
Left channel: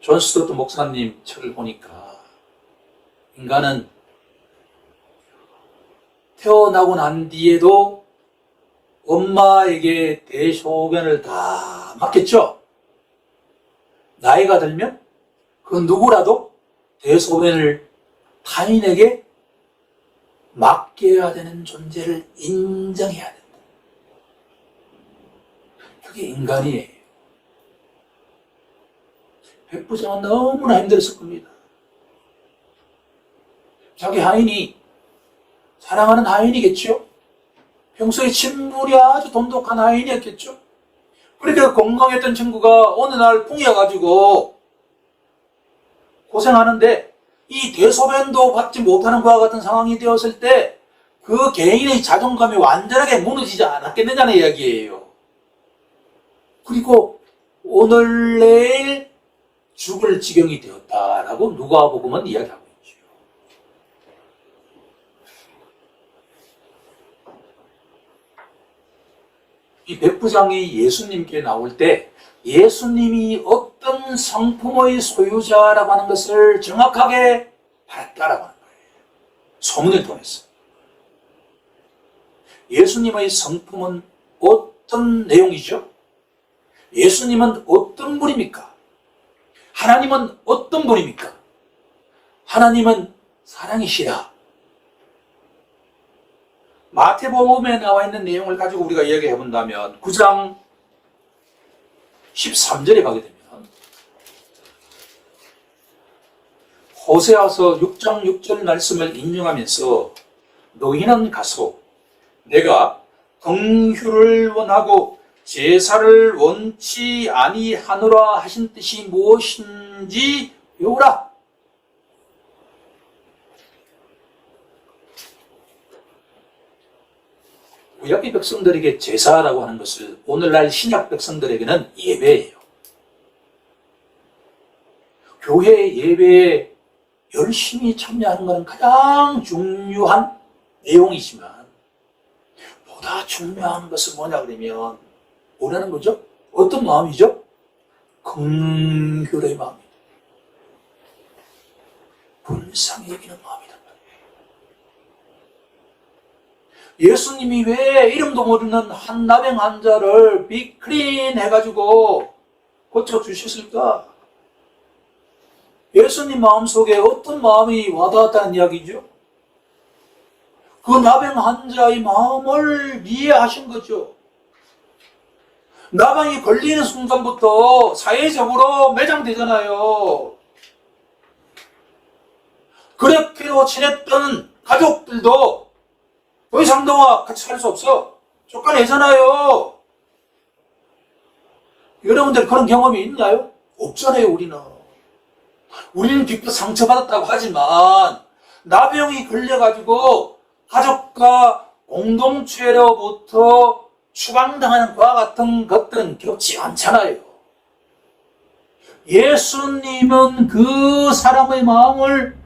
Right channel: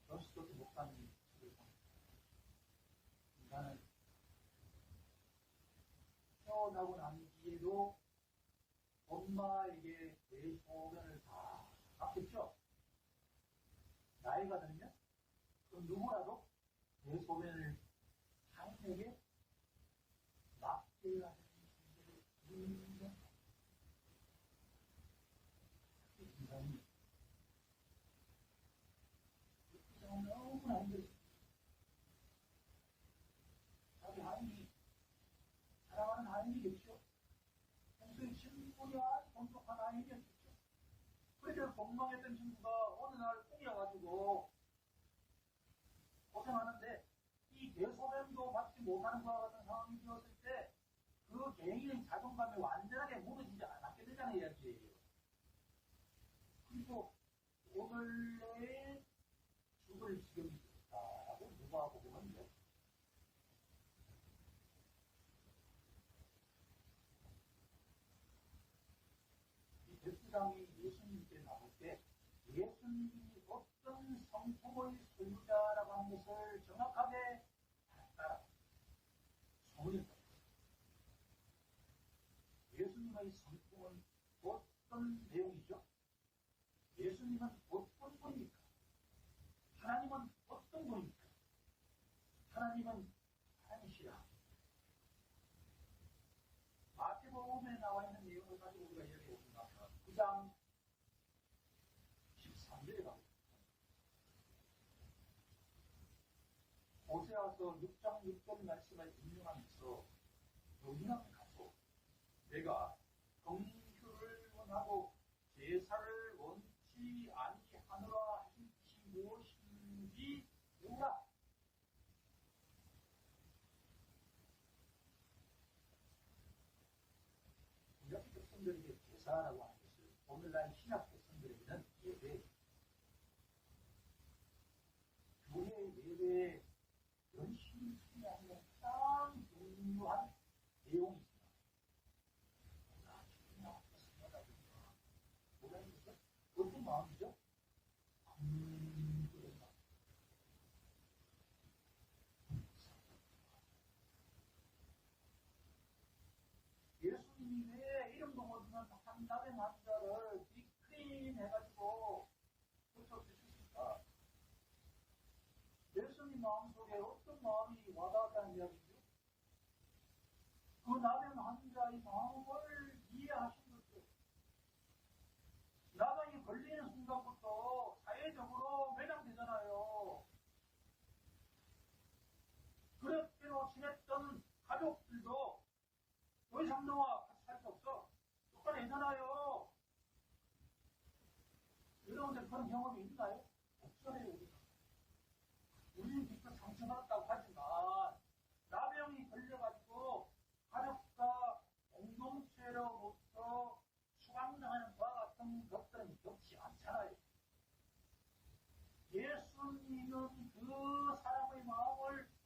존 스토트 목사님 책을 보니까 인간은 태어나고 난 뒤에도 엄마에게 대소변을 다 맡겼죠. 나이가 들면 그 누구라도 대소변을 타인에게 맡겨야 되는 존재를 인정해야 된다. 그게 인간이에요. 백부장은 너무나 힘들었을 겁니다. 자기 하인이 사랑하는 하인이겠죠. 평소에 친물이 아주 돈독한 하인이었겠죠. 그렇게 건강했던 친구가 어느 날 풍이어가지고 고생하는데 이 대소변도 받지 못하는 것과 같은 상황이 되었을 때 그 개인의 자존감이 완전하게 무너지지 않았겠느냐는 이야기예요. 그리고 오늘 내일 죽을 지경이 되었다라고 누가복음은 이야기하고 있죠. 이 백부장이 예수님께 나올 때 예수님이 어떤 성품의 소유자라고 하는 것을 정확하게 알았다라고 하는 거예요. 소문을 통해서. 예수님의 성품은 어떤 내용이죠? 예수님은 어떤 분입니까? 하나님은 어떤 분입니까? 하나님은 사랑이시라. 마태복음에 나와 있는 내용을 가지고 우리가 이야기해 본다면 9장 13절에 가게 되면 호세아서 6장 6절 말씀을 인용하면서 너희는 가서 내가 긍휼을 원하고 제사를 원치 아니하노라 하신 뜻이 무엇인지 배우라. 구약의 백성들에게 제사라고 하는 것을 오늘날 신약 백성들에게는 예배예요. 교회 예배에 열심히 참여하는 것은 가장 중요한 내용이지만 보다 중요한 것은 뭐냐 그러면 뭐라는 거죠? 어떤 마음이죠? 긍휼의 마음이에요. 불쌍히 여기는 마음이란 말이에요. 예수님이 왜 이름도 모르는 한 나병 환자를 빅클린 해가지고 고쳐주셨을까? 예수님 마음속에 어떤 마음이 와닿았다는 이야기죠? 그 나병 환자의 마음을 이해하신 거죠. 나병이 걸리는 순간부터 사회적으로 매장되잖아요. 그렇게도 지냈던 가족들도 더 이상 너와 같이 살 수 없어. 쫓아내잖아요. 여러분들 그런 경험이 있나요? 없잖아요, 우리는. 우리는 비록 상처받았다고 하지만 나병이 걸려가지고 가족과 공동체로부터 추방당하는 것과 같은 것들은 겪지 않잖아요. 예수님은 그 사람의 마음을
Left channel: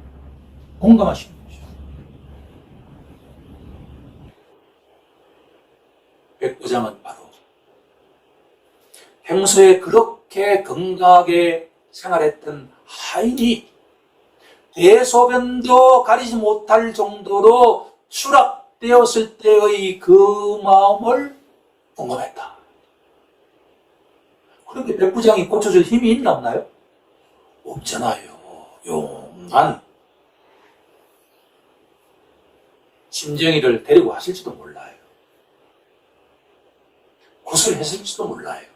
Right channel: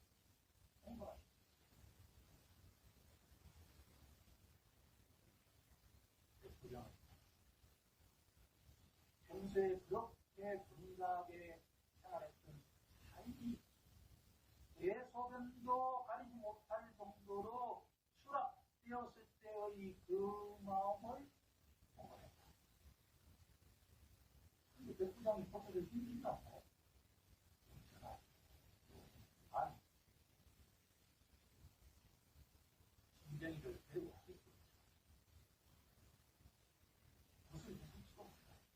공감하시는 거죠. 백부장은 바로 평소에 그렇게 건강하게 생활했던 하인이 대소변도 가리지 못할 정도로 못되었을 때의 그 마음을 공감했다. 그런데 백부장이 고쳐줄 힘이 있나 없나요? 없잖아요. 용한 심정이를 데리고 왔을지도 몰라요. 구슬했을지도 몰라요.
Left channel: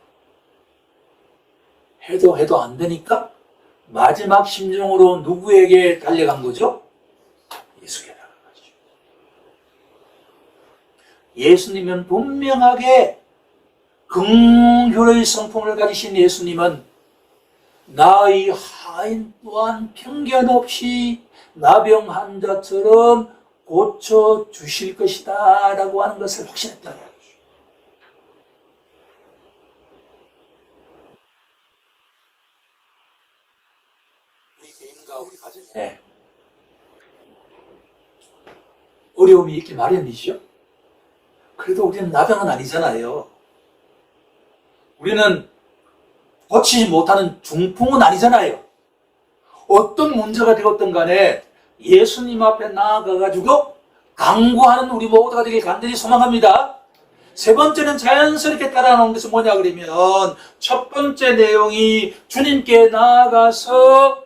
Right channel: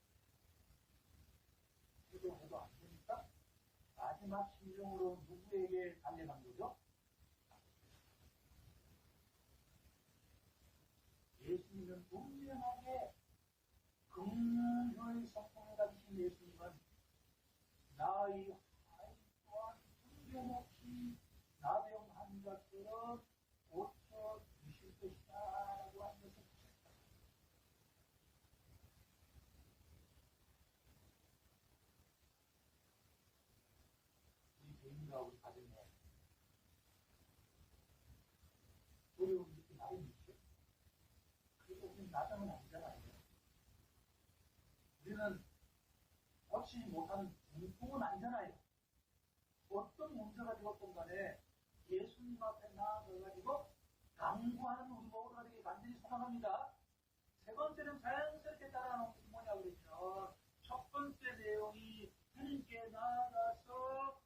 해도 안 되니까 마지막 심정으로 누구에게 달려간 거죠? 예수에게 달려간 거죠. 예수님은 분명하게 긍휼의 성품을 가지신 예수님은 나의 하인 또한 편견 없이 나병 환자처럼 고쳐주실 것이다 라고 하는 것을 확신했다는 거죠. 우리 개인과 우리 가정에 어려움이 있기 마련이죠. 그래도 우리는 나병은 아니잖아요. 우리는 고치지 못하는 중풍은 아니잖아요. 어떤 문제가 되었든 간에 예수님 앞에 나아가가지고 강구하는 우리 모두가 되길 간절히 소망합니다. 세 번째는 자연스럽게 따라나온 것은 뭐냐 그러면 첫 번째 내용이 주님께 나아가서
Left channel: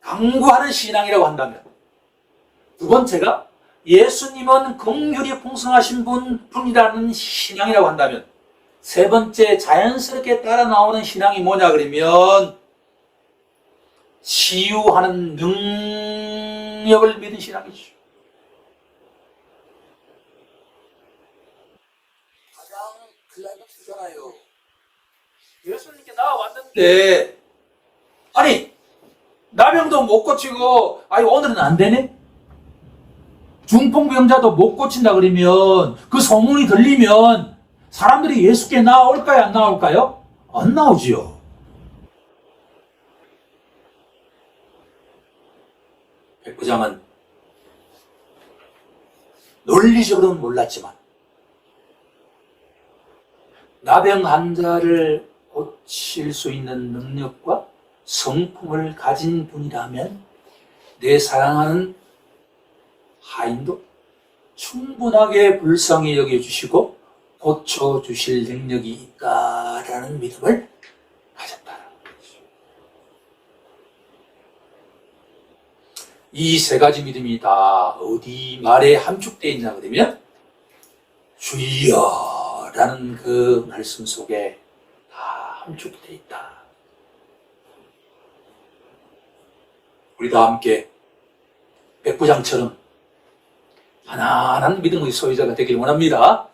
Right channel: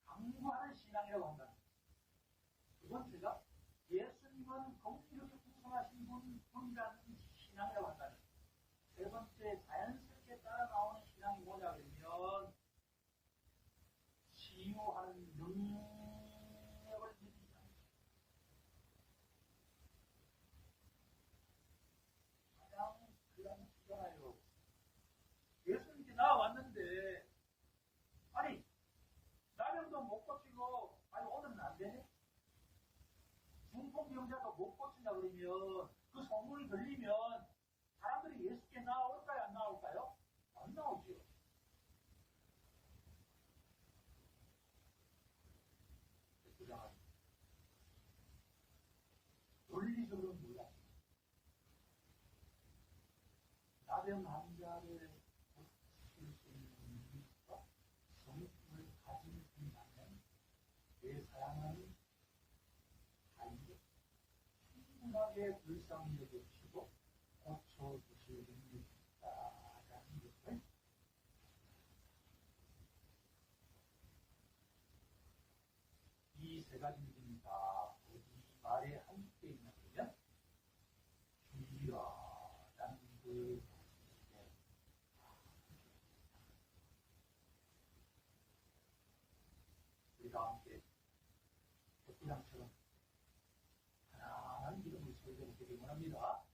강구하는 신앙이라고 한다면, 두 번째가 예수님은 긍휼이 풍성하신 분이라는 신앙이라고 한다면, 세 번째 자연스럽게 따라 나오는 신앙이 뭐냐 그러면 치유하는 능력을 믿은 신앙이죠. 가장 클라이막스잖아요. 예수님께 나와왔는데 아니 나병도 못 고치고 아니 오늘은 안 되네? 중풍병자도 못 고친다 그러면 그 소문이 들리면 사람들이 예수께 나올까요? 안 나올까요? 안 나오지요. 백부장은 논리적으로는 몰랐지만 나병 환자를 고칠 수 있는 능력과 성품을 가진 분이라면 내 사랑하는 하인도 충분하게 불쌍히 여겨주시고 고쳐주실 능력이 있다라는 믿음을 가졌다는 거죠. 이 세 가지 믿음이 다 어디 말에 함축되어 있냐 그러면 주여라는 그 말씀 속에 다 함축되어 있다. 우리 다 함께 백부장처럼 편안한 믿음의 소유자가 되길 원합니다.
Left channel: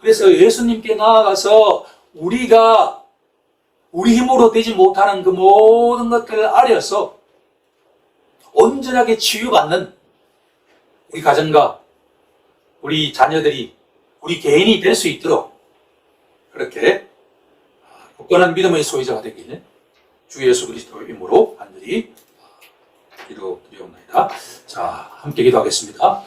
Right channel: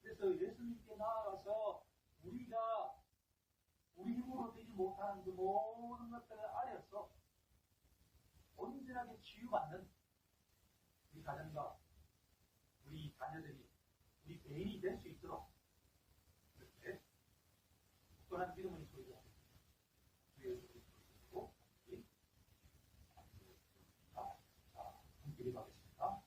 그래서 예수님께 나아가서 우리가 우리 힘으로 되지 못하는 그 모든 것들을 아려서 온전하게 치유받는 우리 가정과 우리 자녀들이 우리 개인이 될 수 있도록 그렇게 굳건한 믿음의 소유자가 되기를 주 예수 그리스도의 이름으로 간절히 기도드리옵나이다. 자, 함께 기도하겠습니다.